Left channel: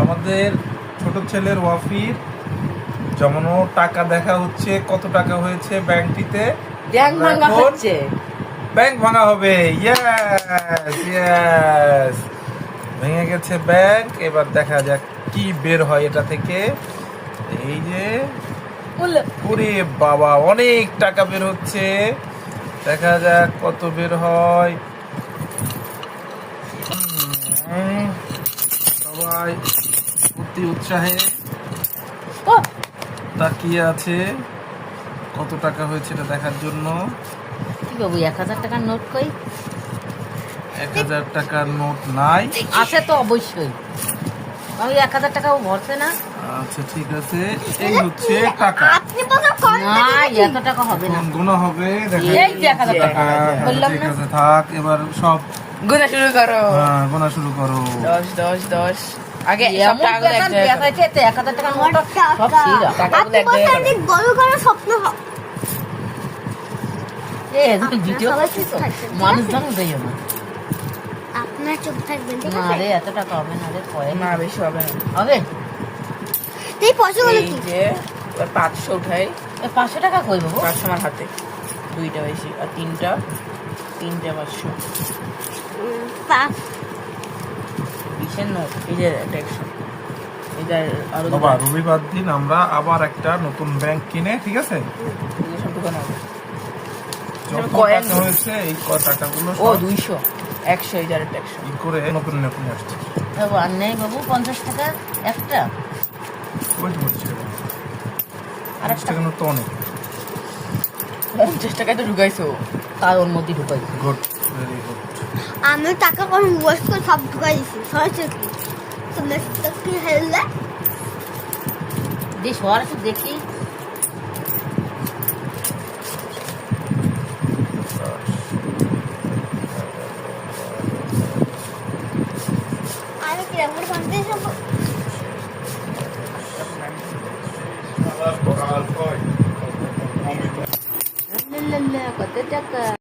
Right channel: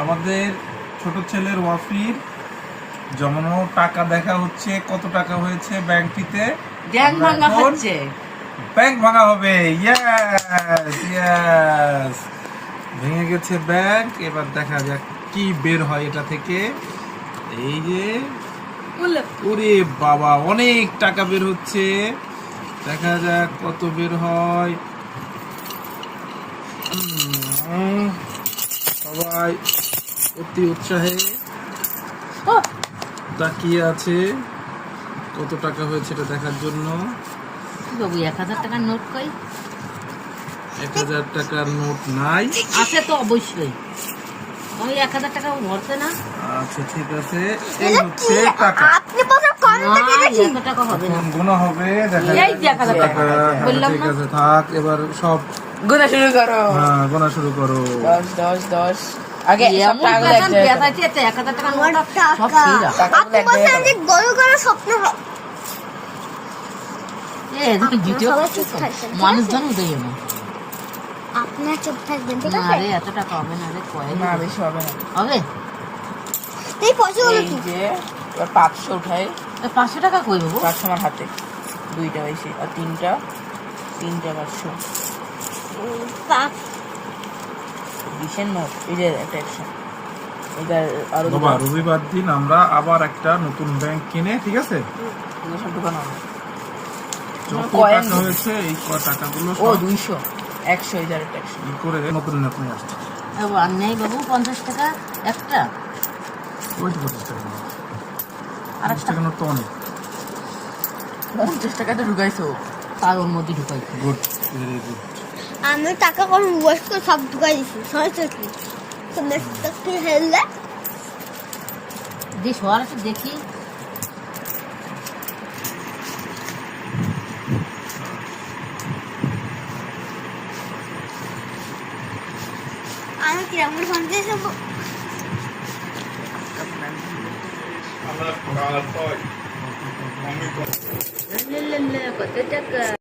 আমাদের ছোট ছেলের ওয়াফির জমানো টাকা দেখা হচ্ছে, কত টাকা হয়েছে ব্যাংকটিতে। ব্যাংক ভাঙা হচ্ছে, ব্যাংক ভাঙা হবে। ইয়েস ইয়েস, ভেঙে গেছে ব্যাংক। এবার দেখা যাক কি বের হয় এটা থেকে। এই যে ওরে বাবা, অনেক টাকা বের হচ্ছে। দেখা যাক কত বের হয়। সবাই অতি উৎসাহে তাকিয়ে আছে কত টাকা হয়েছে এটা দেখার জন্য। বাবু 1000 টাকার নোট কই? 1000 টাকার নোট নাই। আছে তো অবশ্যই, আমি 1000 টাকাও ভরছে না। আচ্ছা ঠিক আছে, এই হচ্ছে টাকা। আপনি বলেন কম টাকা না, দিয়েছি। 1000 টাকা হবে না। এখন গোনা হবে। দেখা এই যে 1000 টাকা বললাম ঠিক না। আছে থাক, এবার সব গোনা শুরু করো। হ্যাঁ গোনা শুরু করো। 10 10 10 আগে সব এমন টাকাগুলো এক পেশান জায়গায় পেশাইছে 1000 টাকার নোট আমার সব টাকা। ছিঁড়া। আপনি বলেন যে বড় করে স্বপ্ন হয়। এ জিতে সবাই চুপ থাকবেন, ঠিক মানুষ আছে? জন দেয় না। আপনার চুপ থাকবেন, ঠিক না আছে? রে, এত টাকা হবে না রে, কয় না বেশি হবে না। হবে। এই পয়সাগুলো এই কি? যে এবার 500 উঠাই। 500 টাকা কই দেবো? 500 আমার হাতে, দুইটা বেশি আর তিনটা 500 পাঁচ। 20 নোট। এই যে একটা 100, এটা আরো বাবা রবিবার দিন আমরা আবার একটা নতুন ব্যাংক কিনে, ঠিক আছে? সব দোকান হবে। যত কয়েন টাকা হয়েছে এই টাকাগুলো ও সব 200 100, এই যে আরেকটা 100। ই করে নতুন নতুন আসছে। আর নেই বাবু 50 টাকা একটা। ওই তো হচ্ছে। 50 টাকার নোট তো অনেক। 50 টাকা তো ঢুকাইছো। তার ওর মধ্যে ঢুকাই। Good, very good. আমি টাকা করে ওয়েস্ট করে সব ঢুকাই দিছি, সরাসরি কি তো মেসটা কি হেললে বেশ হওয়ার আছে দেখি। আমি কিরকম করে ফোন দিয়েছি কত টাকা